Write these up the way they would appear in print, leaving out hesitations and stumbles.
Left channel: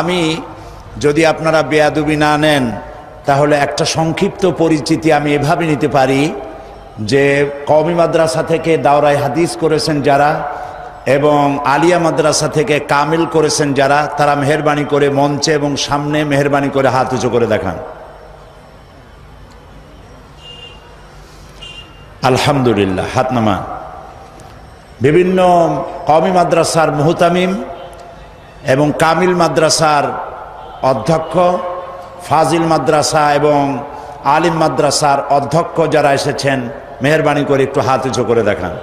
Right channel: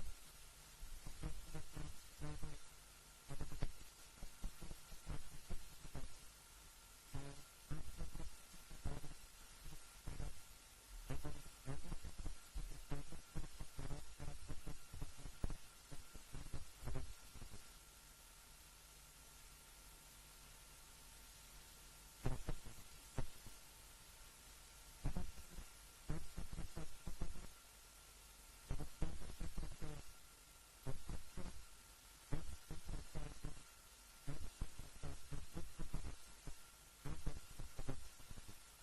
আমি যদি আপনারা বেয়াদবি না নেন তাহলে একটা সংক্ষিপ্ত পরিচিতি আমি এভাবে নিতে পারি যে কওমি মাদ্রাসা থেকে দাওরায়ে হাদিস করেছেন যারা এবং আলিয়া মাদ্রাসা থেকে কামিল করেছেন যারা, তারা মেহেরবানি করে মঞ্চে এবং সামনে মেহেরবানি করে হাত উঁচু করে দেখান। আলহামদুলিল্লাহ, হাত নামান। বিভিন্ন কওমি মাদ্রাসার মুহতামিম এবং কামিল মাদ্রাসার অধ্যক্ষ, ফাজিল মাদ্রাসা এবং আলিম মাদ্রাসার অধ্যক্ষ যারা এসেছেন মেহেরবানি করে একটু হাত উঁচু করে দেখান।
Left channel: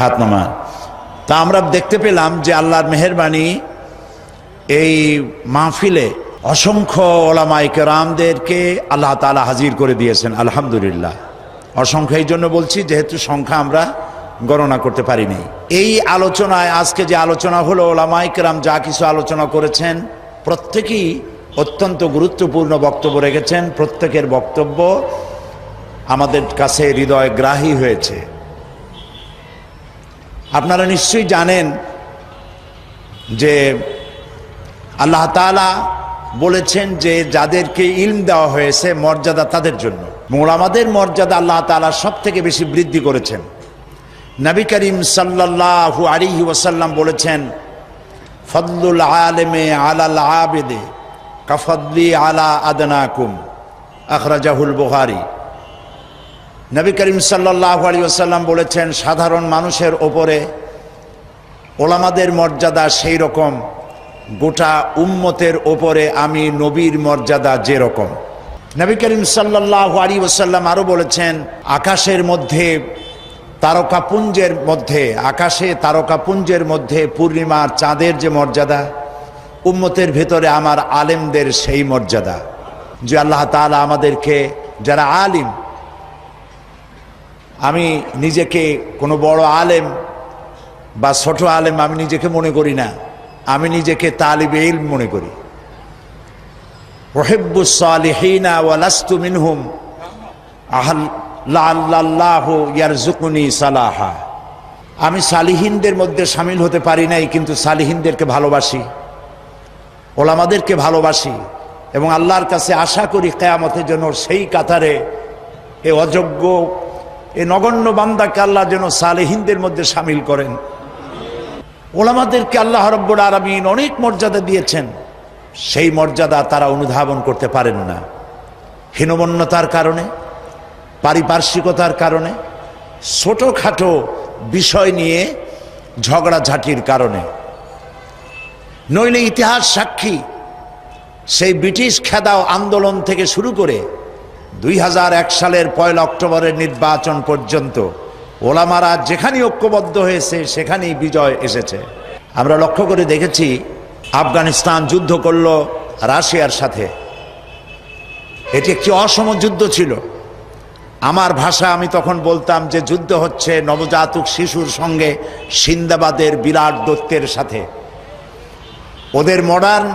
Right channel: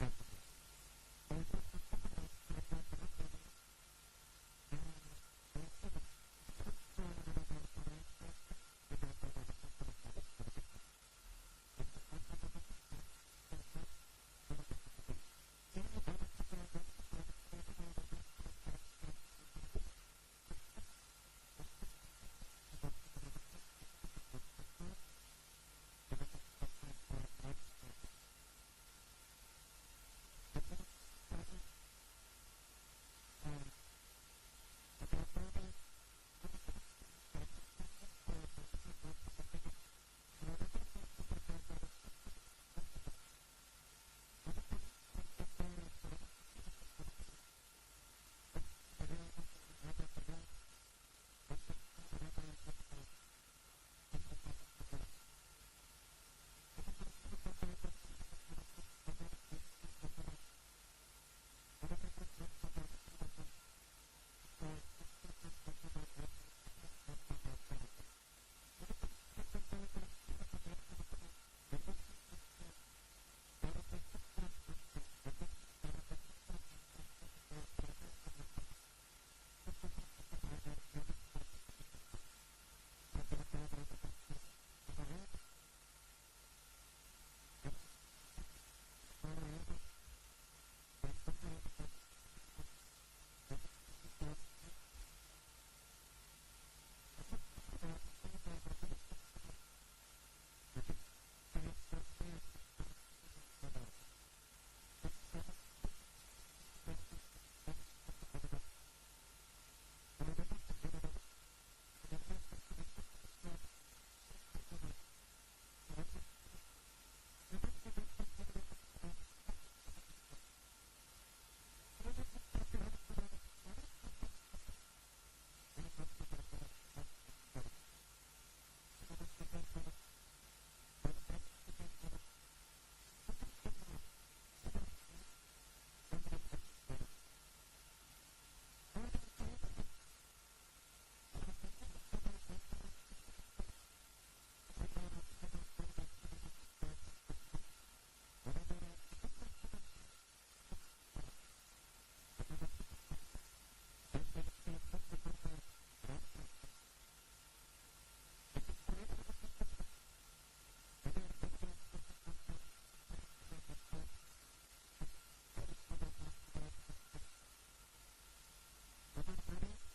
হাত নামান। তা আমরা দেখতে পেলাম যে আল্লাহর মেহেরবানি এই মাহফিলে অসংখ্য ওলামায়ে কেরামদেরকে আল্লাহ তাআলা হাজির করে দিয়েছেন। আলহামদুলিল্লাহ, অসংখ্য এই জন্য বলছি যেহেতু সংখ্যা আমরা গণনা করতে পারিনি। এই আলোচনায় আজকে যে আলোচনা হলো, ওলামায়ে কেরাম যা কিছু আলোচনা করেছেন প্রত্যেকেই অত্যন্ত গুরুত্বপূর্ণ বক্তব্য রেখেছেন। প্রত্যেকের বক্তব্য আমাদের কাছে হৃদয়গ্রাহী হয়েছে। আপনারা নিশ্চয়ই জানেন যে আল্লাহ তাআলা বলেছেন যে যাদেরকে ইলম দেওয়া হয়েছে মর্যাদা তাদের জন্য। ওলামাদের মর্যাদা আল্লাহ তাআলা সব থেকে বেশি বৃদ্ধি করেছেন। নবী করিম সাল্লাল্লাহু আলাইহি ওয়াসাল্লাম বলেছেন, ফদলুল আলেমে আলাল আবেদে কাফদলি আলা আদনাকুম, আখরাজাহুল বুখারী। নবী করিম সাল্লাল্লাহু আলাইহি ওয়াসাল্লাম বলেছেন, সাধারণ মানুষের ওপরে ওলামাদের মর্যাদা সেই রকম গোটা উম্মতের ওপরে আমি নবীর মর্যাদা যেরকম। নবী করিম সাল্লাল্লাহু আলাইহি ওয়াসাল্লাম আরো বলেছেন, আকাশের মধ্যে তারকাপুঞ্জের মধ্যে, আকাশে তারকাপুঞ্জের মধ্যে পূর্ণিমার চাঁদের যে মর্যাদা, উম্মতের ভেতরে আমার আলেমদের সেই মর্যাদা। যে আল্লাহ তাআলা আমাদেরকে যারা আলিম, আমি নিজেকে কোনো বড় আলেম বা ছোট আলেম আমি নিজেকে মনে করি না, আমি নিজেকে তালিবে ইলম মনে করি। উহিব্বুস সালিহিনা ওয়া লাস্তু মিনহুম লাআল্লাহু ইয়ারযুকুনি সালাহা। আমি সালিহিনদের মধ্যে শামিল হতে পারি নাই, কিন্তু সালিহিনদেরকে ভালোবাসি, ওলামাদেরকে ভালোবাসি এবং আল্লাহর কাছে আশা করি কিয়ামতের জন্য সেই কাতারে এ অযোগ্য এ নগণ্য বান্দাকে আল্লাহ যেন সালেহিনদের মধ্যে শামিল করেন। ওলামাদেরকে আল্লাহ রাব্বুল আলামিন অনেক মর্যাদা দিয়েছেন, সেই মর্যাদা তারা অনুধাবন করতে পারেন না। হীনমন্যতার কারণে, পারিপার্শ্বিকতার কারণে, ছোটখাটো বিষয় নিয়ে ঝগড়াঝাটির কারণে। নইলে ইতিহাস সাক্ষী, সেই ব্রিটিশ খেদাও আন্দোলন থেকে শুরু করে 2001 সালের 1 অক্টোবরের নির্বাচন পর্যন্ত ওলামারা যেখানে ঐক্যবদ্ধ হয়েছে সেখানেই বিজয় এসেছে। আমরা লক্ষ্য করে দেখেছি, আফগানিস্তান যুদ্ধ করল রাশিয়ার সাথে। এটি একটি অসম যুদ্ধ ছিল। আমার ভাষা আমি তখন বলতাম যে যুদ্ধ হচ্ছে নবজাতক শিশুর সঙ্গে সিন্দাবাদের বিরাট দৈত্যের সাথে। ওদের মডার্ন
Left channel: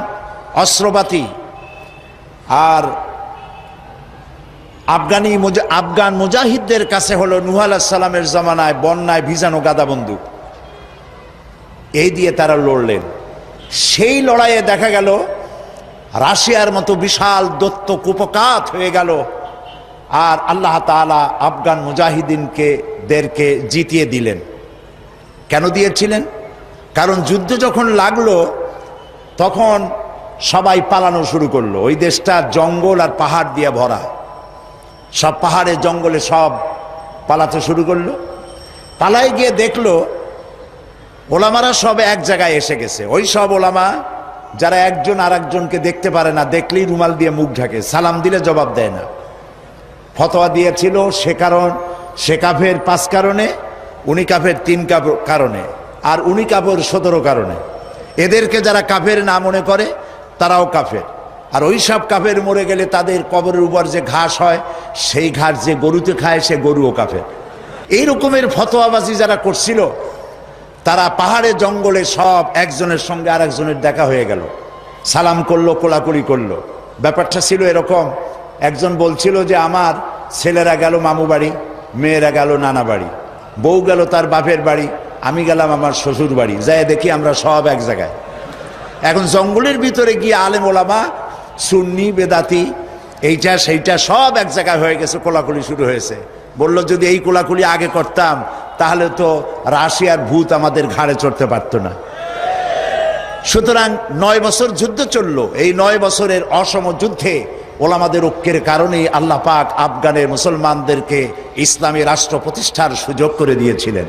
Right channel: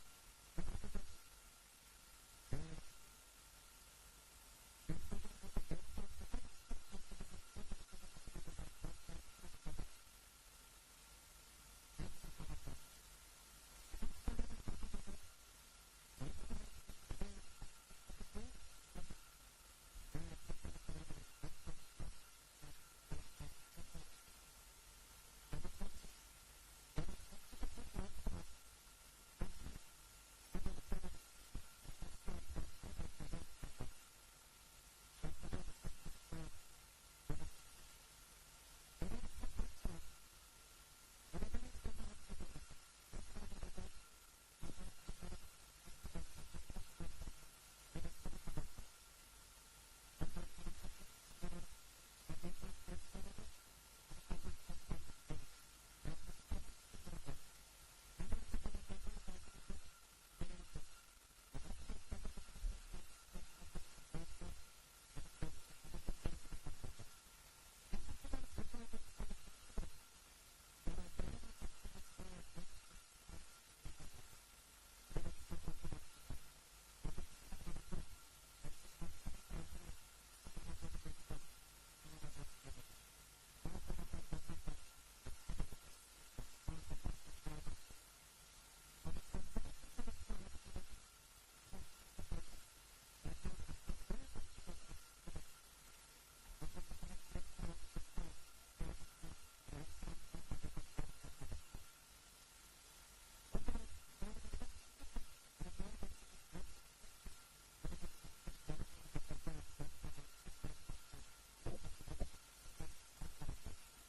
অস্ত্রপাতি আর আফগান মুজাহিদদের কাছে হলো নূহ আলাইহিস সালামের জামানায় বন্যায় ভিজানো গাদা বন্দুক। এই দিয়ে তারা লড়লেন। সেই লড়াইয়ে দেখা গেল রাশিয়ার মতো বিশাল দৈত্য কুপকাত হয়ে গেল, আর আল্লাহ তাআলা আফগান মুজাহিদিনদেরকে জিতিয়ে দিলেন। কেন দিয়েছিলেন? কারণ যুদ্ধ যখন লাগলো তখন সবাই পালানো শুরু করলো। ওই দেশটা জঙ্গল আর পাহাড় দিয়ে ভরা, সব পাহাড়ে জঙ্গলে সব পালাতে শুরু করলো। পালায় গিয়ে দেখলো ওলামারা সব এক জায়গায় এসে গেছে। ওই সব ওলামা যারা একজন আর একজনকে দেখতে পারে না, দেখলেই রুমাল দিয়ে মুখ ঢাকে, সালাম দিলে জবাব দেয় না। ফতোয়া দিয়েছিল সে কাফের 5 কারণে, উনি কাফের 3 কারণে, আর উনি কাফের 17 কারণে। এদেরকে যারা কাফের না মনে করে তারাও কাফের। আর ওই সব কাফের মরে গেলে তাদের কবরের উপর যে ঘাস হয় সেই ঘাস যে গরুতে খায় সে গরুও কাফের। এই রকমের ফতোয়াবাজি যারা করছিল তারা পাহাড়ে জঙ্গলে সব একজনের সঙ্গে আর একজনের দেখা হয়ে গেল, সালাম করলো, কোলাকুলি করলো। ব্যাপারটা ছিল এরকম, একজন বলছিল যে আমার ছেলেরা গেল মামু বাড়ি, মেয়েরা গেল নানা বাড়ি, বউ গেল তার বাপের বাড়ি, আমি গেলাম আমার শ্বশুর বাড়ি, যাই দেখি আমরা সব এক জায়গায়। এখন জঙ্গলের ভিতরে গিয়ে আলেম ওলামা, সুন্নি বেদাতি, এইটা সেইটা সব এক জায়গায় হয়ে গেছে, কোলাকুলি শুরু হয়েছে। বলল যদি এই কোলাকুলি আগে করতাম তাহলে তো রাশিয়ার ভূত আমাদের ঘাড়ে চড়তে পারত না। সুতরাং 9 বছর যুদ্ধ চলল। এই 9 বছরের অসম যুদ্ধে ওলামাদের ঐক্যের কারণেই আল্লাহ পাক আফগানের মুসলমানদেরকে ইসলামী রাষ্ট্র প্রতিষ্ঠার সুযোগ করে দিয়েছিলেন।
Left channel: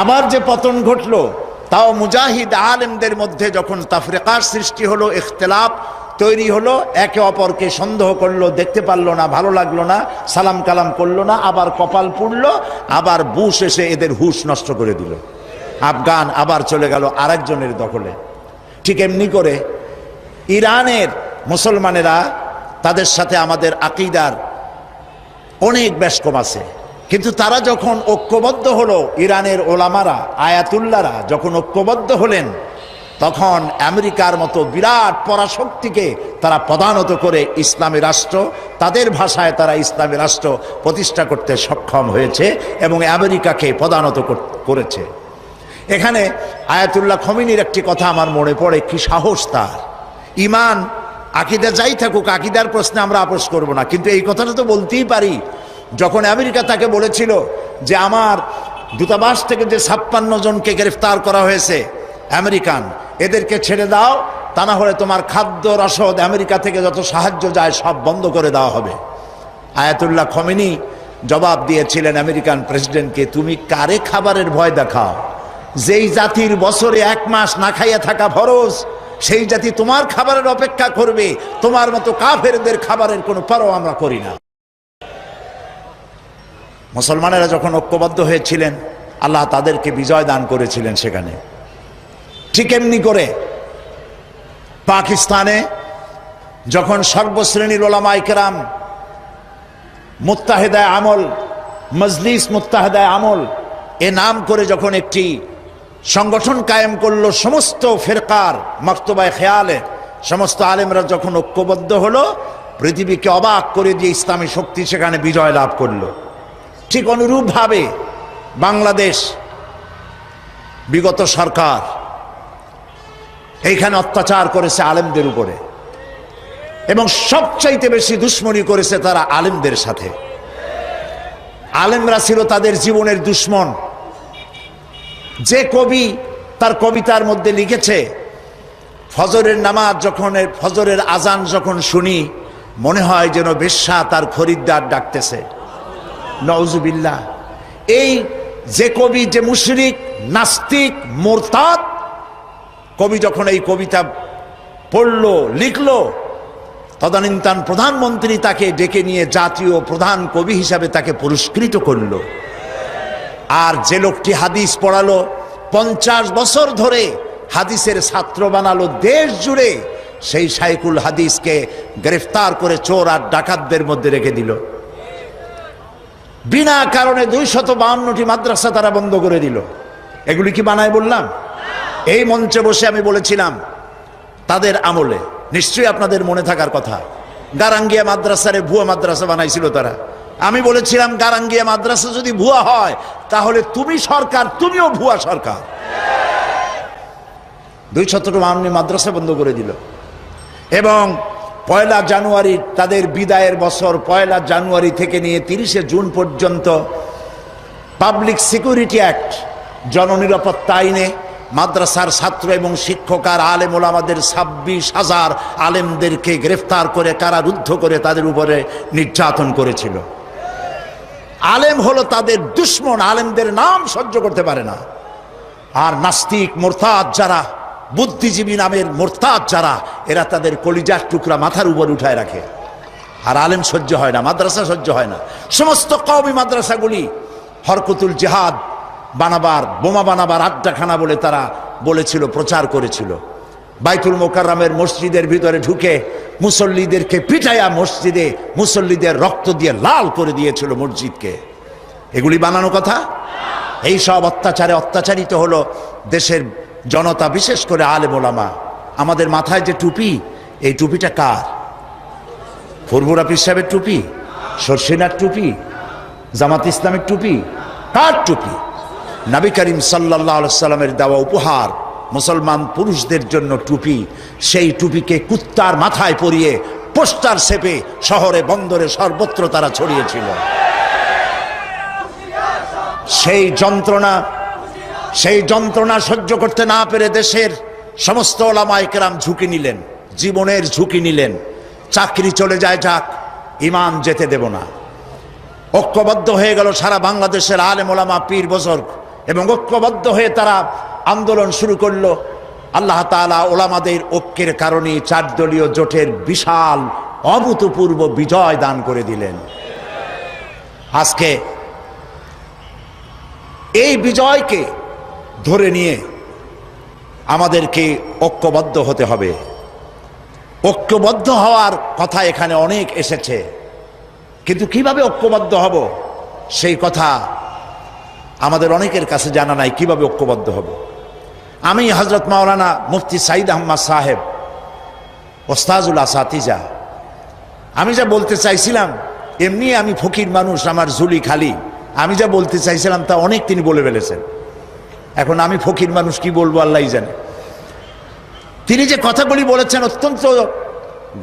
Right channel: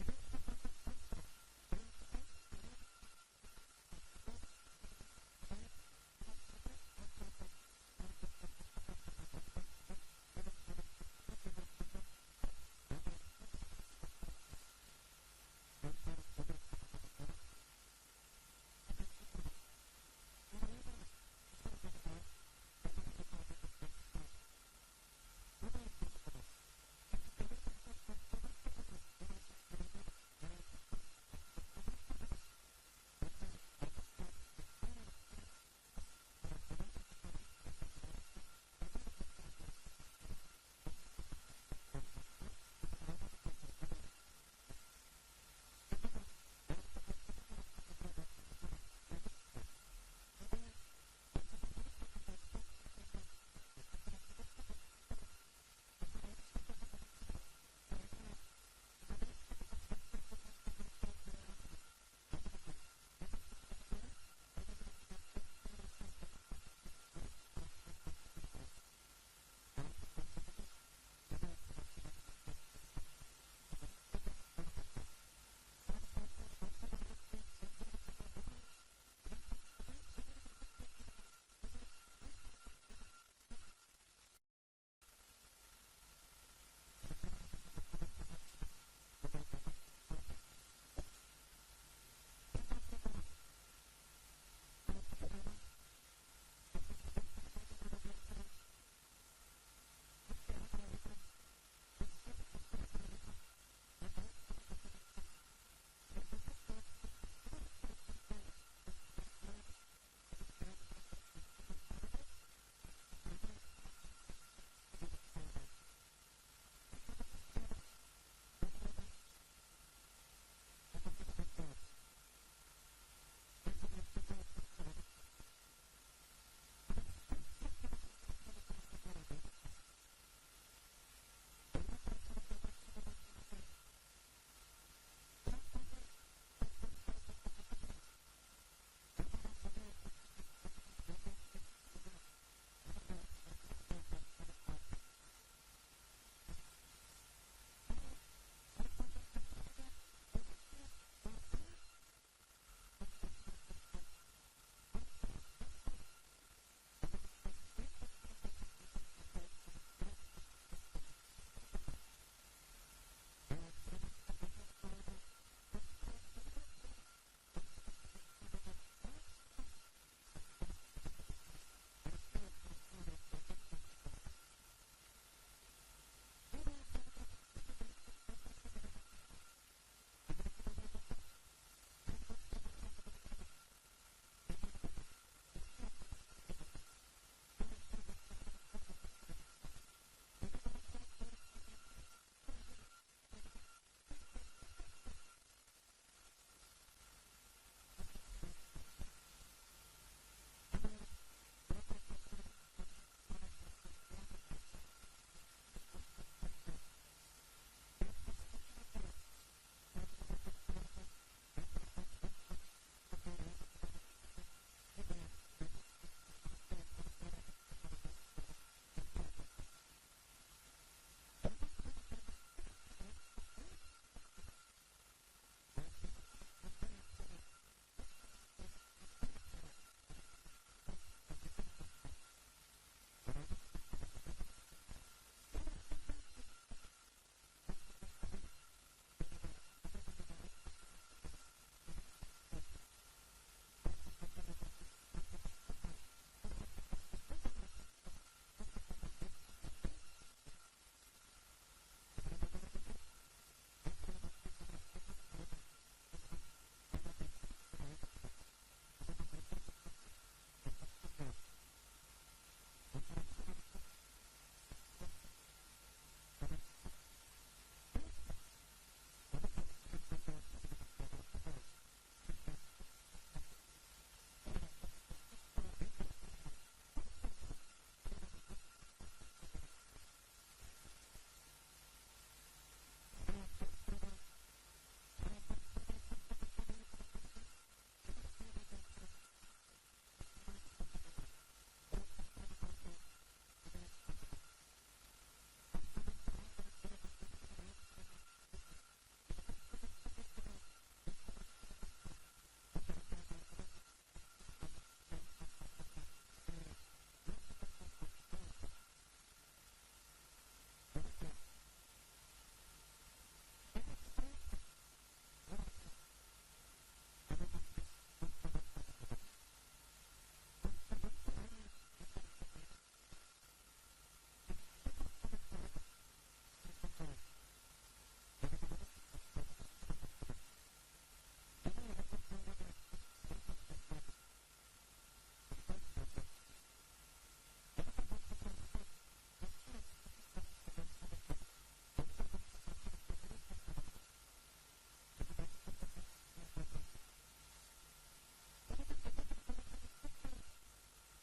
আবার যে পতন ঘটল, তাও মুজাহিদ আলেমদের মধ্যে যখন তাফরিকার সৃষ্টি হলো, ইখতিলাফ তৈরি হলো, একে অপরকে সন্দেহ করলো, দেখতে পারলো না, ভালো লাগলো না, সালাম কালাম করলো না, আবার কপাল পুড়লো, আবার বুশ এসে এদের হুশ নষ্ট করে দিল। আফগান আবার চলে গেল আরেকজনের দখলে। ঠিক এমনি করে ইরানের মুসলমানেরা, তাদের সাথে আমাদের আকীদার অনেক বেশ কম আছে, কিন্তু তারা যখন ঐক্যবদ্ধ হলো, ইরানের ওলামারা, আয়াতুল্লাহরা যখন ঐক্যবদ্ধ হলেন, তখন আমেরিকার মতো বিরাট পরাশক্তিকে তারা পদানত করে ইসলামী রাষ্ট্র, তাদের ভাষায় তারা ইসলামী রাষ্ট্র প্রতিষ্ঠা করতে সক্ষম হয়েছে এবং আমেরিকাকে পদানত করেছে। এখানে আয়াতুল্লাহ খমিনীর একটি কথা আমার মনে পড়ে, কি সাহস তার! ইমান আকীদা যাই থাকুক, আকীদার প্রশ্নে আমরা আপোস করব না, কিন্তু এই কথাটা তো বলতেই পারি। যখন আমেরিকা তাকে বলেছিল যে আমার দূতাবাস থেকে যে 56 জনকে গ্রেফতার করা হয়েছে আমেরিকান, এদেরকে ছেড়ে দাও, তা না হলে তোমার খাদ্য রসদ আমেরিকা থেকে যত সাহায্য যায় সব বন্ধ করে দেওয়া হবে। আয়াতুল্লাহ খমিনী জবাব দিয়েছিলেন আমেরিকান প্রেসিডেন্টকে, তুমি কারে খাবারের ভয় দেখাও? যেই জাতির বছরে 1 মাস না খাইয়া থাকা ফরজ, সেই জাতি তোমার খাবারের অপেক্ষা করবে? তোমার মতো কাফেরদের খাবারের কোনো পরোয়া আমরা করি না। মুসলমানেরা যখন ঐক্যবদ্ধ হয়েছিলেন, আল্লাহ তাদেরকে বিজয় দান করেছিলেন সেখানে। ঠিক এমনি করে পাকিস্তানে যখন সর্বশ্রেণীর ওলামায়ে কেরাম মুত্তাহিদায়ে আমল, মজলিস মুত্তাহিদায়ে আমল এ নাম করে যখন একটি সংগঠন কায়েম করলো, সমস্ত ফিরকার মক্তবায়ে খেয়ালে সমস্ত আলেমরা যখন ঐক্যবদ্ধ হলো, পৃথিবীকে অবাক করে দিয়ে ইসলামী শক্তি সেখানে বিজয় লাভ করলো। ঠিক অনুরূপভাবে বাংলাদেশ বিগত সরকার এইখানে অত্যাচার করেছে আলেমদের উপরে, এবং সবচাইতে বেশি দুশ্মনী করেছে তারা আলেমদের সাথে। আলেমরা ছিল তাদের জীবনের দুশ্মন। যে কবি তার কবিতার মধ্যে লিখেছে, ফজরের নামাজ যখন, ফজরের আজান যখন শুনি, মনে হয় যেন বেশ্যা তার খরিদ্দার ডাকতেছে। নাউজুবিল্লাহ। এই যে কবি, যে মুশরিক, নাস্তিক, মুরতাদ কবি যখন এই কবিতা পড়লো, লিখলো, তদানীন্তন প্রধানমন্ত্রী তাকে ডেকে নিয়ে জাতীয় প্রধান কবি হিসাবে তাকে পুরস্কৃত করলো। আর যে লোকটি হাদিস পড়ালো, 50 বছর ধরে হাদিসের ছাত্র বানালো দেশ জুড়ে, সেই শাইখুল হাদিসকে গ্রেফতার করে চোর আর ডাকাতদের মধ্যে রেখে দিল। বিনা কারণে 252টি মাদ্রাসা তারা বন্ধ করে দিল। এগুলি কি বানায় বললাম? এই মঞ্চে বসে আমি বলেছিলাম তাদের আমলে, নিশ্চয়ই আপনাদের মনে থাকার কথা, গারাঙ্গিয়া মাদ্রাসারে ভুয়া মাদ্রাসা বানাইছিল তারা। আমি বলেছিলাম গারাঙ্গিয়া মাদ্রাসা যদি ভুয়া হয় তাহলে তুমি সরকার, তুমিও ভুয়া সরকার। 252টি মাদ্রাসা বন্ধ করে দিল। এবং 1 জানুয়ারি তাদের বিদায়ের বছর, 1 জানুয়ারি থেকে নিয়ে 30 জুন পর্যন্ত পাবলিক সিকিউরিটি অ্যাক্ট, জননিরাপত্তা আইনে মাদ্রাসার ছাত্র এবং শিক্ষক আর আলেম ওলামাদের 26,000 আলেমদেরকে গ্রেফতার করে কারারুদ্ধ করে তাদের উপরে নির্যাতন করেছিল। আলেম হলো তাদের দুশ্মন, আলেমদের নাম সহ্য করতে পারে না। আর নাস্তিক, মুরতাদ যারা, বুদ্ধিজীবী নামের মুরতাদ যারা, এরা তাদের কলিজার টুকরা মাথার উপর উঠায় রাখে। আর আলেম সহ্য হয় না, মাদ্রাসা সহ্য হয় না। সমস্ত কওমি মাদ্রাসাগুলি হরকতুল জিহাদ বানাবার, বোমা বানাবার আড্ডাখানা বলে তারা বলেছিল, প্রচার করেছিল। বাইতুল মোকাররমের মসজিদের ভিতরে ঢুকে মুসল্লিদেরকে পিটাইয়া মসজিদে মুসল্লিদের রক্ত দিয়ে লাল করে দিয়েছিল মসজিদকে। এগুলি বানানো কথা? এই সব অত্যাচারে অত্যাচারিত হলো দেশের জনতা, বিশেষ করে আলেম ওলামা। আমাদের মাথায় যে টুপি, এই টুপিটা কার? ফুরফুরা পীর সাহেবের টুপি? সরসিনার টুপি? জামাত ইসলামের টুপি? কার টুপি? নবী করিম সাল্লাল্লাহু আলাইহি সাল্লামের দেওয়া উপহার মুসলমান পুরুষদের জন্য টুপি, সেই টুপিকে কুত্তার মাথায় পরিয়ে পোস্টার ছেপে শহরে বন্দরে সর্বত্র তারা ছড়িয়েছিল। সেই যন্ত্রণা সহ্য করতে না পেরে দেশের সমস্ত ওলামায়ে কেরাম ঝুঁকি নিলেন, জীবনের ঝুঁকি নিলেন। চাকরি চলে যায় যাক, ঈমান যেতে দেব না। ঐক্যবদ্ধ হয়ে গেল সারা বাংলাদেশের আলেম ওলামা, পীর বুজুর্গ, এবং ঐক্যবদ্ধ হয়ে তারা আন্দোলন শুরু করলো। আল্লাহ তাআলা ওলামাদের ঐক্যের কারণে 4 দলীয় জোটের বিশাল অভূতপূর্ব বিজয় দান করে দিলেন। আজকে এই বিজয়কে ধরে নিয়ে আমাদেরকে ঐক্যবদ্ধ হতে হবে। ঐক্যবদ্ধ হওয়ার কথা এখানে অনেক এসেছে, কিন্তু কিভাবে ঐক্যবদ্ধ হব সেই কথা আমাদের অনেকের কাছে জানা নাই। কিভাবে ঐক্যবদ্ধ হব? আমি হযরত মাওলানা মুফতি সাঈদ আহমদ সাহেব, ওস্তাজুল আসাতিজা, আমি যা বলতে চাইছিলাম, এমনি আমি ফকির মানুষ, আমার ঝুলি খালি, আমি যা বলতে চাইছিলাম তা অনেক তিনি বলে ফেলেছেন। এখন আমি ফকির মানুষ কি বলবো আল্লাহই জানে। তিনি যে কথাগুলি বলেছেন অত্যন্ত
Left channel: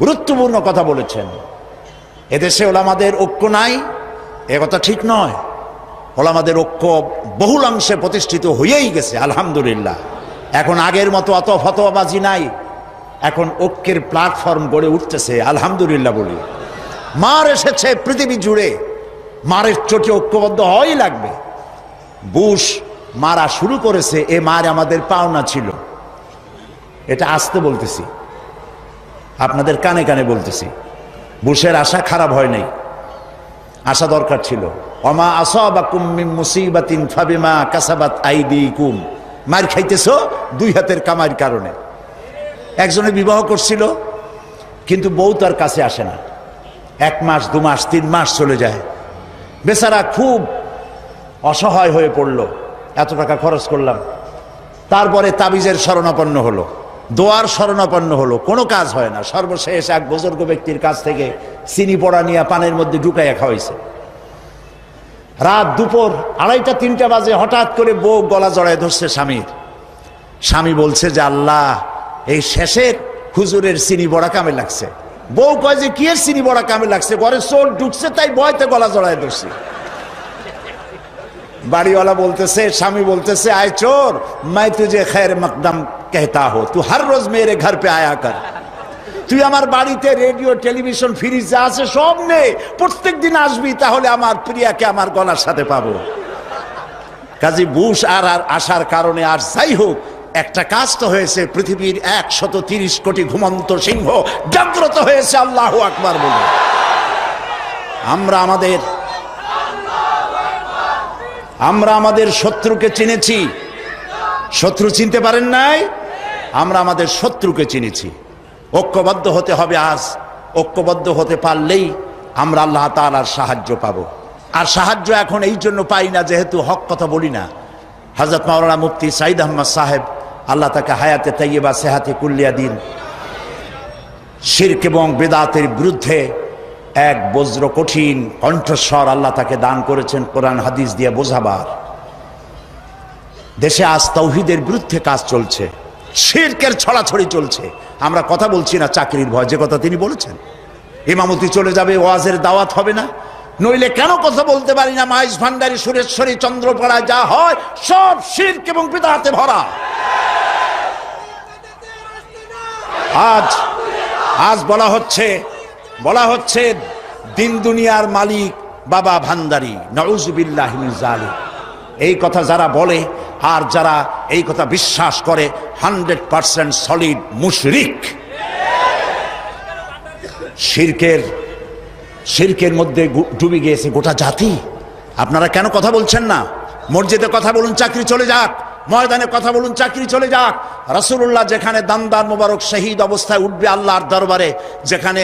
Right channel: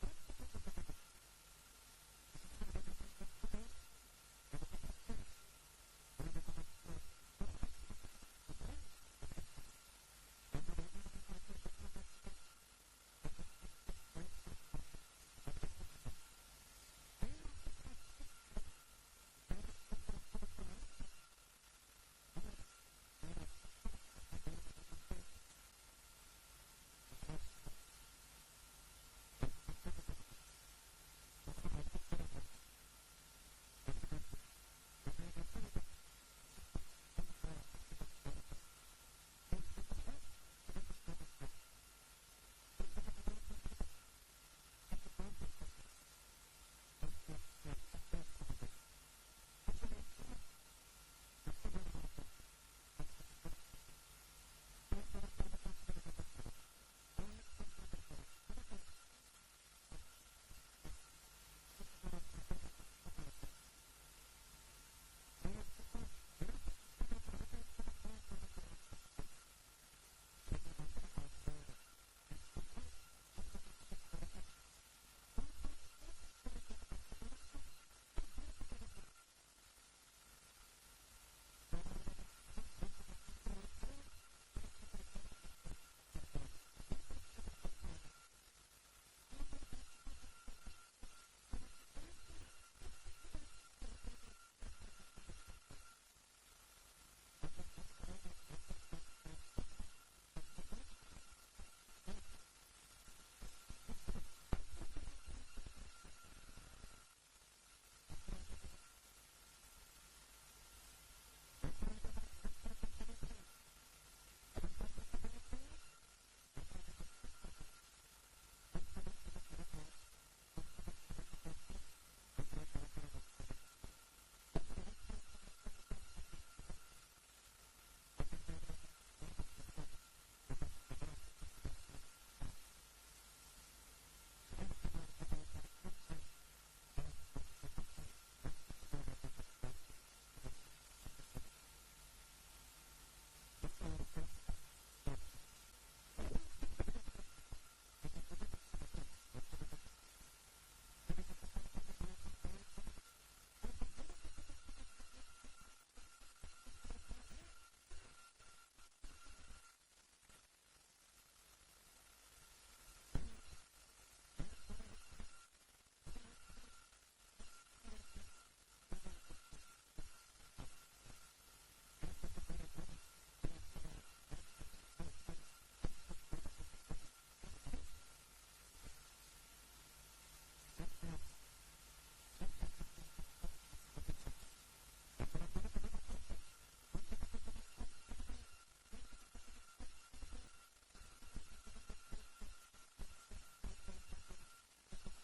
গুরুত্বপূর্ণ কথা বলেছেন। এদেশে ওলামাদের ঐক্য নাই, এ কথা ঠিক নয়। ওলামাদের ঐক্য বহুলাংশে প্রতিষ্ঠিত হয়েই গেছে আলহামদুলিল্লাহ। এখন আগের মতো অত ফতোয়াবাজি নাই, এখন ঐক্যের প্ল্যাটফর্ম গড়ে উঠতেছে আলহামদুলিল্লাহ বলি। মার এসেছে পৃথিবী জুড়ে, মারের চোটে ঐক্যবদ্ধ হওয়াই লাগবে। বুশ মারা শুরু করেছে, এ মার আমাদের পাওনা ছিল। এটা আস্তে বলতেছি, আপনাদের কানে কানে বলতেছি। বুশের আশা খারাপ হয় নাই, আশা দরকার ছিল। ওমা আসাবাকুম মিন মুসিবাতিন ফাবিমা কাসাবাত আইদিকুম। মার খাইতেছো 2 হাতের কামাইয়ের কারণে। একজনে বিবাহ করছিল, কিন্তু বউ তার কাছে আসে না। 1 মাস 2 মাস 3 মাস চলে যায়, বেচারা খুব অসহায় হয়ে পড়ল। এত টাকা খরচ করলাম, তারপরে তাবিজের শরণাপন্ন হলো, দোয়ার শরণাপন্ন হলো, কোনো কাজ হয় না। সর্বশেষ এক বুজুর্গ ব্যক্তির কাছ থেকে চিনি পড়া নিয়ে পানের মধ্যে ঢুকাইয়া খাওয়াইছে। রাত দুপুর 2:30-3টা বাজে হঠাৎ করে বউ গলা জড়ায় ধরছে স্বামীর। স্বামী বলছে যে আল্লাহ, এই শেষের হুজুরের চিনি বড়া কামে লাগছে। বউ কয় যে কি এর চিনি বড়া কামে লাগছে, ঘরে চোর ঢুকছে তাই ভয়তে গলা জড়ায় ধরছি। বাড়িওয়ালা বলতেছে, স্বামী বলতেছে, আয় চোর, मैं तुझे खैर मकदम कहता हूं, तू हर रोज मेरे घर पे आया कर। তুই আমার বাড়িতে রেডিও টেলিভিশন ফ্রিজ যা আছে সব নে, প্রত্যেক দিন আসবি, তাহলে আমার প্রিয়াকে আমার গলার সাথে পাবো। কাজী বুশ আর আসার কারণে আর যাই হোক, একটা কাজ তো হয়েছে। পৃথিবীর 130 কোটি ঘুমন্ত সিংহ জাগ্রত হয়েছে আল্লাহু আকবার বলে। আমরা আমাদের শত্রুকে চিনেছি। শত্রু চিনতে পারেন নাই? আমরা আমাদের শত্রুকে চিনেছি। ঐক্যবদ্ধ হতে হবে আজ। ঐক্যবদ্ধ হতে পারলেই আমরা আল্লাহ তাআলার সাহায্য পাব। আর সাহায্য এখন এই জন্য পাই না যেহেতু হক কথা বলি না। হযরত মাওলানা মুফতি সাঈদ আহমদ সাহেব, আল্লাহ তাকে হায়াতে তাইয়্যিবা সেহাতে কুল্লিয়া দিন, শিরক এবং বিদআতের বিরুদ্ধে এক বজ্র কঠিন কণ্ঠস্বর আল্লাহ তাকে দান করেছেন কোরআন হাদিস দিয়ে বোঝাবার। দেশে আজ তাওহীদের বিরুদ্ধে কাজ চলছে, শিরকের ছড়াছড়ি চলছে। আমরা কথা বলছি না চাকরির ভয়, যে কথা তিনি বলেছেন। ইমামতি চলে যাবে, ওয়াজের দাওয়াত হবে না, নইলে কেন কথা বলতে পারি না? মাইজ ভান্ডারী, সুরেশ্বরী, চন্দ্রপাড়ায় যা হয় সব শিরক এবং বিদআতে ভরা। আজ বলা হচ্ছে দিন দুনিয়ার মালিক বাবা ভান্ডারী, নাউযুবিল্লাহি মিন যালিক। এই কথা যারা বলে আর যারা এই কথা বিশ্বাস করে 100% সলিড মুশরিক। শিরকের মধ্যে ডুবে গিয়েছে গোটা জাতি। আপনারা কেন কথা বলছেন না? মসজিদে কথা বলুন, চাকরি চলে যাক। ময়দানে কথা বলুন, চাকরি চলে যাক। রাসূলুল্লাহ যেখানে দান্দার মোবারক শহীদ অবস্থায় উঠবে আল্লাহর দরবারে, যেখানে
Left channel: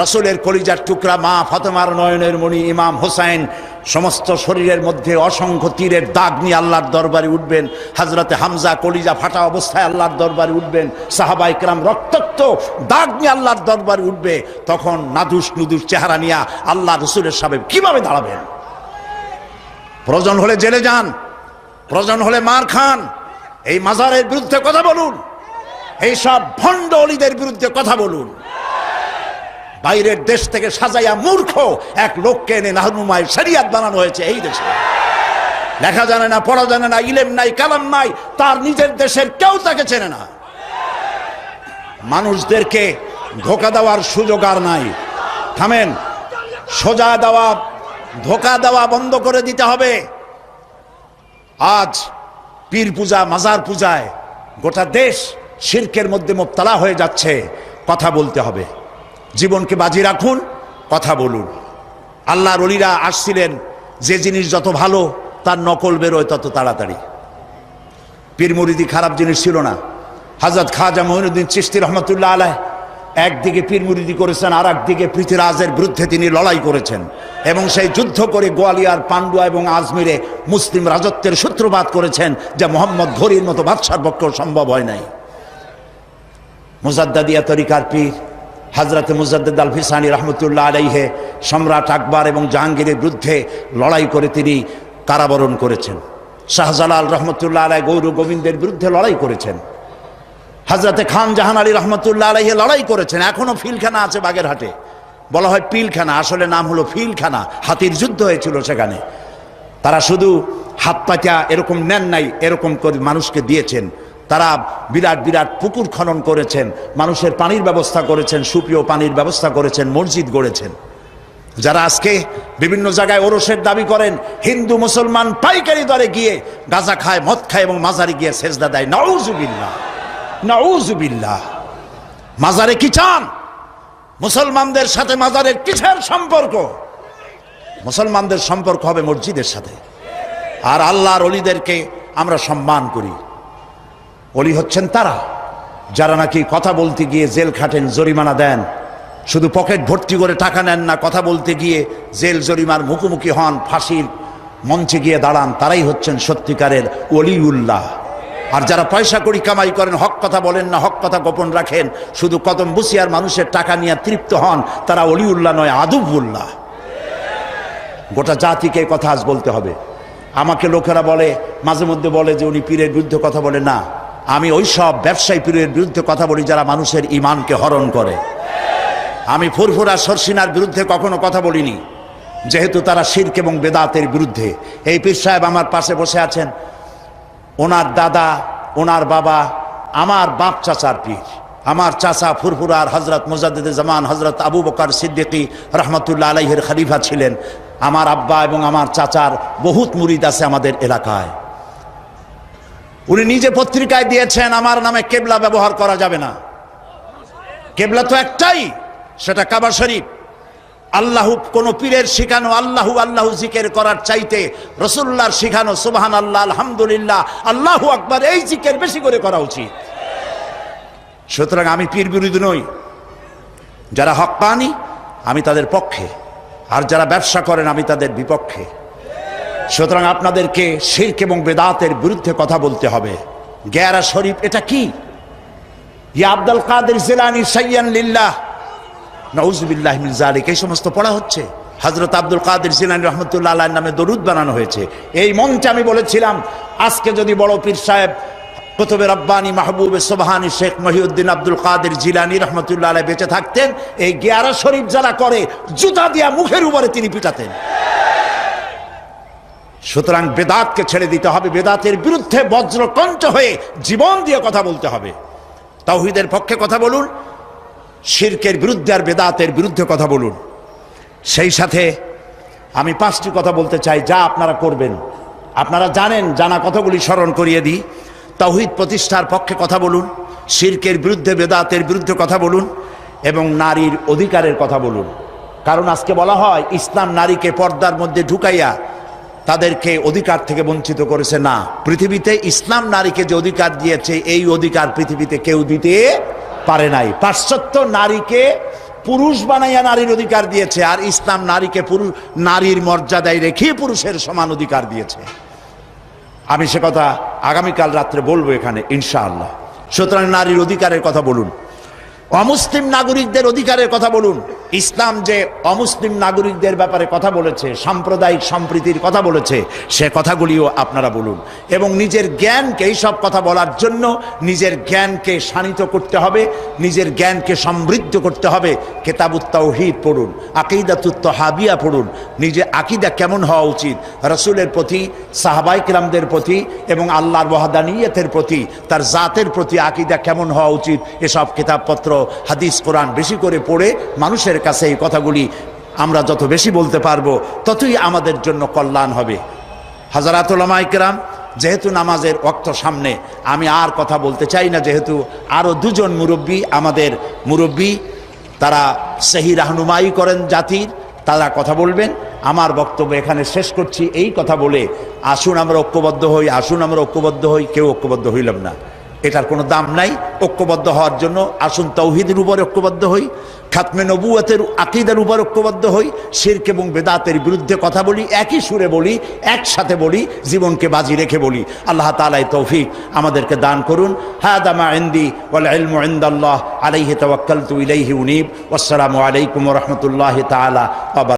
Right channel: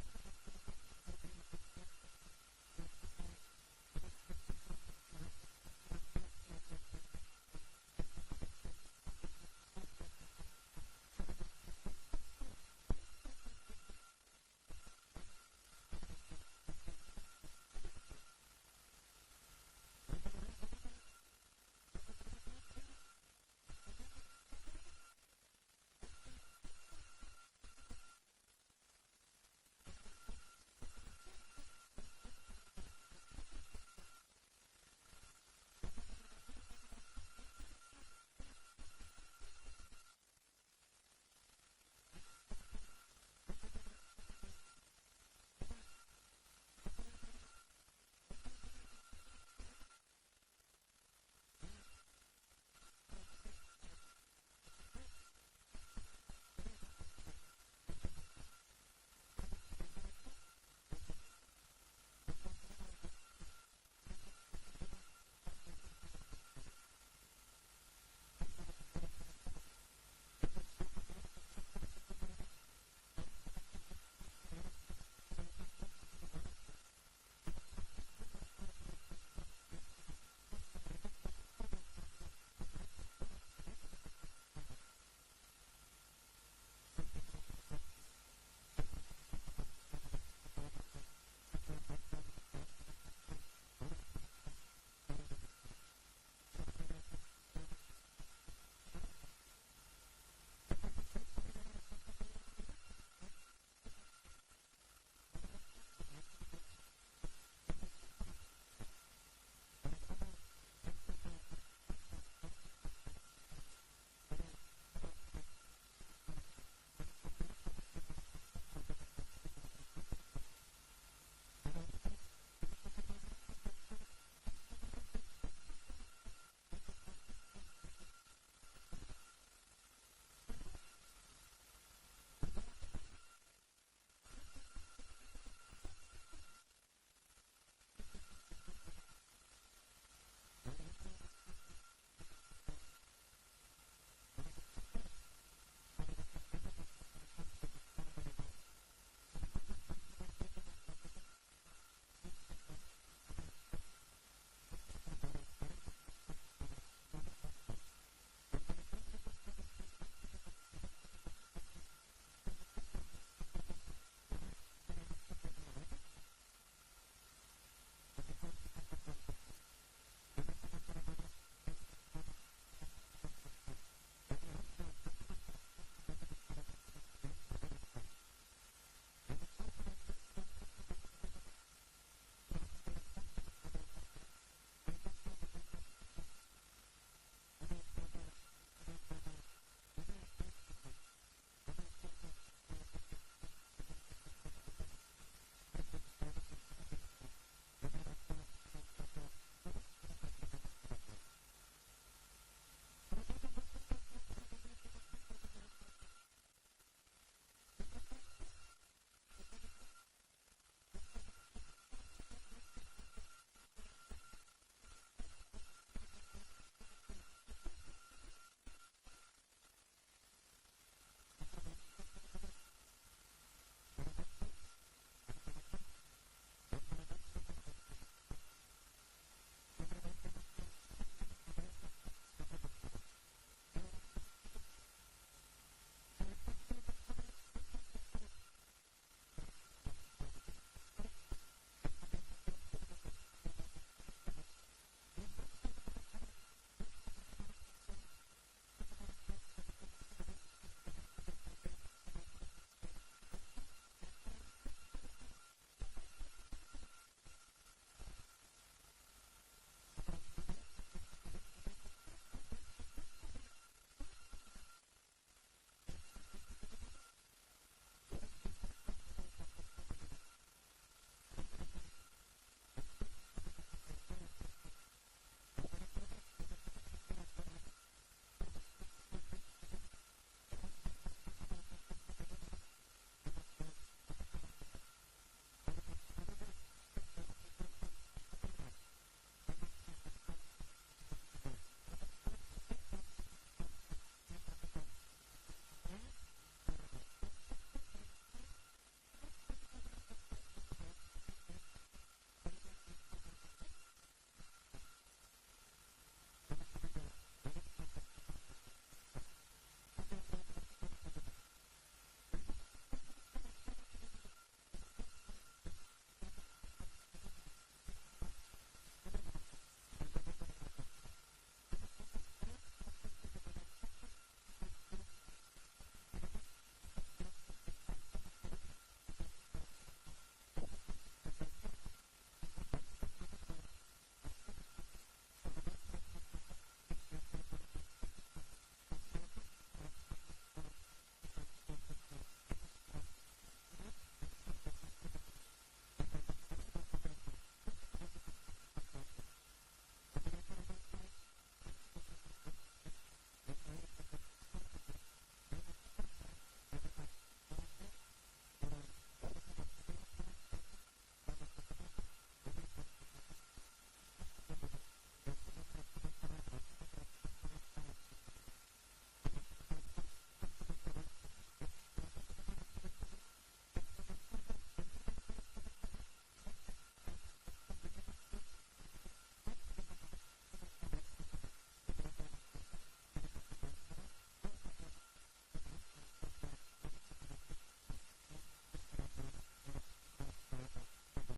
রাসূলের কলিজার টুকরা মা ফাতেমার নয়নের মণি ইমাম হোসেন সমস্ত শরীরের মধ্যে অসংখ্য তীরের দাগ নিয়ে আল্লাহর দরবারে উঠবেন, হযরতে হামজা কলিজা ফাটা অবস্থায় আল্লাহর দরবারে উঠবেন, সাহাবায়ে কেরাম রক্তাক্ত দাগ নিয়ে আল্লাহর দরবারে উঠবে, তখন নাদুস নুদুস চেহারা নিয়ে আল্লাহ রাসূলের সামনে কিভাবে দাঁড়াবেন? প্রয়োজন হলে জেলে যান, প্রয়োজন হলে মার খান, এই মাজারের বিরুদ্ধে কথা বলুন, এই সব ভণ্ড অলিদের বিরুদ্ধে কথা বলুন। বাইরের দেশ থেকে সাজাইয়া মূর্খ এক লোককে এনে নাহনুমায় শরিয়াত বানানো হয়েছে এই দেশে। লেখা জানে না, পড়া জানে না, ইলেম নাই, কালাম নাই, তার নিজের দেশের কেউ তাকে চেনে না। মানুষদেরকে ধোঁকা দেওয়ার সুযোগ আর নাই। থামেন, সোজা দেওয়া, ধোঁকা দেওয়া বন্ধ করে দিতে হবে। আজ পীর পূজা, মাজার পূজায় গোটা দেশ শিরকের মধ্যে মুবতালা হয়ে যাচ্ছে। কথা বলতে হবে, জীবনকে বাজি রাখুন, কথা বলুন। আল্লাহর ওলিরা আসছিলেন, যে জিনিস যত ভালো তার নকল বেরোয় তত তাড়াতাড়ি। পীর মুরিদি খারাপ জিনিস ছিল না। হযরত খাজা মঈনুদ্দিন চিশতি রহমতুল্লাহ আলাইহ একদিকে পীর মুরিদি করেছেন, আর একদিকে পৃথ্বীরাজের বিরুদ্ধে তিনি লড়াই করেছেন এবং সেই যুদ্ধ করে গোয়ালিয়ার, পান্ডুয়া এবং আজমিরে মুসলিম রাজত্বের সূত্রপাত করেছেন, যা মোহাম্মদ ঘুরির মতো বাদশার পক্ষে সম্ভব হয় নাই। মুজাদ্দাদিয়া তরিকার পীর হযরত মুজাদ্দিদ আল ফিসানি রহমতুল্লাহ আলাইহে সম্রাট আকবর এবং জাহাঙ্গীরের বিরুদ্ধে লড়াই করে তিনি কারাবরণ করেছেন। শাহজালাল রহমতুল্লাহ আলাই গৌর গোবিন্দের বিরুদ্ধে লড়াই করেছেন। হযরতে খান জাহান আলী রহমতুল্লাহ আলাইহে লড়াই করেছেন। এখনো ফিলখানা আছে বাগেরহাটে, বলা হয় পিলখানা, আসলে নাম হলো ফিলখানা। হাতির যুদ্ধ হয়েছিল সেখানে। তারা শুধু হাত পাতা এরকম নেন নাই, এরকম করে মানুষকে দিয়েছেন। তারা বিরাট বিরাট পুকুর খনন করেছেন, মানুষের পানির ব্যবস্থা করেছেন, সুপেয় পানির ব্যবস্থা করেছেন, মসজিদ গড়েছেন। যারা আজকে বিভিন্ন জায়গায় ওরসের দাবি করেন, হিন্দু মুসলমান পাইকারি দরে গিয়ে গাঁজা খায়, মদ খায় এবং মাজারে গিয়ে সেজদা দেয়। নাউজুবিল্লাহ, নাউজুবিল্লাহ। মাজারে কি চান? মুসলমানদের সাথে মাজারের কিসের সম্পর্ক? মুসলমানদের সম্পর্ক হবে মসজিদের সাথে। আর আল্লাহর ওলিদেরকে আমরা সম্মান করি। ওলি হচ্ছেন তারা যারা নাকি কথা বলতে গিয়ে জেল খাটেন, জরিমানা দেন, শুধু পকেট ভর্তি করে টাকা নেন না, কথা বলতে গিয়ে জেল জরিমার মুখোমুখি হন, ফাঁসির মঞ্চে গিয়ে দাঁড়ান, তারাই হচ্ছেন সত্যিকারের ওলিউল্লাহ। আর যারা পয়সা করি কামাই করেন, হক কথা বলেন না, হক কথা গোপন রাখেন, শুধু কদম বুসিয়ার মানুষের টাকা নিয়ে তৃপ্ত হন, তারা ওলিউল্লাহ নয়, আদুবুল্লাহ। গোটা জাতিকে কথা আজ বলতে হবে। আমাকে লোকেরা বলে, মাঝে মধ্যে বলে যে উনি পীরের বিরুদ্ধে কথা বলে। না, আমি ওই সব ব্যবসায়ী পীরের বিরুদ্ধে কথা বলি যারা মানুষের ইমানকে হরণ করে। আমি ফুরফুরা সরসিনার বিরুদ্ধে কখনো কথা বলিনি, যেহেতু তারা শিরক এবং বেদাতের বিরুদ্ধে। এই পীর সাহেব আমার পাশে বসে আছেন, ওনার দাদা, ওনার বাবা আমার বাপ চাচার পীর। আমার চাচা ফুরফুরার হযরত মুজাদ্দিদে জামান হযরত আবু বকর সিদ্দিকী রহমতুল্লাহ আলাইহির খলিফা ছিলেন। আমার আব্বা এবং আমার চাচার বহুত মুরিদ আছে আমাদের এলাকায়। উনি নিজে পত্রিকায় দিয়েছেন, আমার নামে কেবলা ব্যবহার করা যাবে না। কেবলা তো একটাই, সেটা কাবা শরীফ। আল্লাহু, কোন পীরের শিখানো আল্লাহু আল্লাহু জিকির করার চাইতে রাসূলুল্লাহর শিখানো সুবহানাল্লাহ, আলহামদুলিল্লাহ, আল্লাহু আকবার, এই জিকির বেশি করে করা উচিত। সুতরাং আমি পীর বিরোধী নই। যারা হক্কানি আমি তাদের পক্ষে, আর যারা ব্যবসা করেন আমি তাদের বিপক্ষে। সুতরাং আপনাদেরকে শিরক এবং বেদাতের বিরুদ্ধে কথা বলতে হবে। গেরা শরীফ এটা কি? ইয়া আব্দুল কাদের জিলানী সাইয়ান লিল্লাহ, নাউজুবিল্লাহি মিন যালিক, এই সমস্ত পড়া হচ্ছে। হযরত আব্দুল কাদের জিলানী রহমতুল্লাহ আলাইহির নামে দরুদ বানানো হয়েছে। এই মঞ্চে আমি বলেছিলাম, আজকে যদি বড় পীর সাহেব কুতুবে রব্বানি মাহবুবে সুবহানি শেখ মহিউদ্দিন আব্দুল কাদের জিলানী রহমতুল্লাহ আলাইহি বেঁচে থাকতেন, এই গেরা শরীফ যারা করে জুতা দিয়া মুখের উপরে তিনি পিটাতেন। সুতরাং বেদাতকে ছেড়ে দিতে হবে, বেদাতের বিরুদ্ধে বজ্রকণ্ঠ হয়ে জীবন দিয়ে কথা বলতে হবে। তাওহীদের পক্ষে কথা বলুন, শিরকের বিরুদ্ধে আর বেদাতের বিরুদ্ধে কথা বলুন। সেই সাথে আমি 5টি কথা বলতে চাই যা আপনারা করবেন। আপনারা জানেন, জানা কথাগুলি স্মরণ করিয়ে দিই। তাওহীদ প্রতিষ্ঠার পক্ষে কথা বলুন, শিরকের বিরুদ্ধে বেদাতের বিরুদ্ধে কথা বলুন, এবং নারীর অধিকারের কথা বলুন। কারণ আজকে বলা হয় ইসলাম নারীকে পর্দার মধ্যে ঢুকাইয়া তাদেরকে অধিকার থেকে বঞ্চিত করেছে। না, পৃথিবীতে ইসলাম নারীকে যে অধিকার দিয়েছে, এই অধিকার পৃথিবীতে কেউ দিতে পারে নাই। পাশ্চাত্য নারীকে পুরুষ বানাইয়া নারীর অধিকার দিয়েছে, আর ইসলাম নারীকে নারীর মর্যাদায় রেখে পুরুষের সমান অধিকার দিয়েছে। আমি সে কথা আগামীকাল রাত্রে বলবো এখানে ইনশাআল্লাহ। সুতরাং নারীর অধিকারের কথা বলুন, অমুসলিম নাগরিকদের অধিকারের কথা বলুন। ইসলাম যে অমুসলিম নাগরিকদের ব্যাপারে কথা বলেছে, সাম্প্রদায়িক সম্প্রীতির কথা বলেছে, সে কথাগুলিও আপনারা বলুন। এবং নিজের জ্ঞানকে, এইসব কথা বলার জন্য নিজের জ্ঞানকে শানিত করতে হবে, নিজের জ্ঞানকে সমৃদ্ধ করতে হবে। কিতাবুত তাওহীদ পড়ুন, আকীদাতুত তাহাবিয়া পড়ুন, নিজে আকীদা কেমন হওয়া উচিত রাসূলের প্রতি, সাহাবায়ে কেরামদের প্রতি এবং আল্লাহর ওয়াহদানিয়তের প্রতি, তার জাতের প্রতি আকীদা কেমন হওয়া উচিত, এসব কিতাবপত্র, হাদিস, কোরআন বেশি করে পড়ে মানুষের কাছে এই কথাগুলি আমরা যত বেশি বলতে পারবো ততই আমাদের জন্য কল্যাণ হবে। হযরত উলামায়ে কেরাম, যেহেতু নামাজের ওয়াক্ত সামনে, আমি আর কথা বলতে চাই না, যেহেতু আরও দুজন মুরব্বী, আমাদের মুরব্বী, তারা সহি রাহনুমাই করেন জাতির, তারা কথা বলবেন। আমার বক্তব্য এখানে শেষ করছি এই কথা বলে, আসুন আমরা ঐক্যবদ্ধ হই, আসুন আমরা ঐক্যবদ্ধ হই। কেউ ঐক্যবদ্ধ হইলাম না, এটার কোনো দাম নাই। ঐক্যবদ্ধ হওয়ার জন্য আসুন তাওহীদের উপর ঐক্যবদ্ধ হই, খাতমে নবুয়তের আকীদার উপর ঐক্যবদ্ধ হই, শিরক এবং বেদাতের বিরুদ্ধে কথা বলি, একই সুরে বলি, একসাথে বলি, জীবনকে বাজি রেখে বলি। আল্লাহ তাআলা এই তৌফিক আমাদেরকে দান করুন। হাদা মা ইনদি ওয়াল ইলমু ইনদাল্লাহ আলাইহি তাওয়াক্কালতু ইলাইহি উনীব। ওয়াসসালামু আলাইকুম ওয়া রাহমাতুল্লাহি তাআলা ওয়া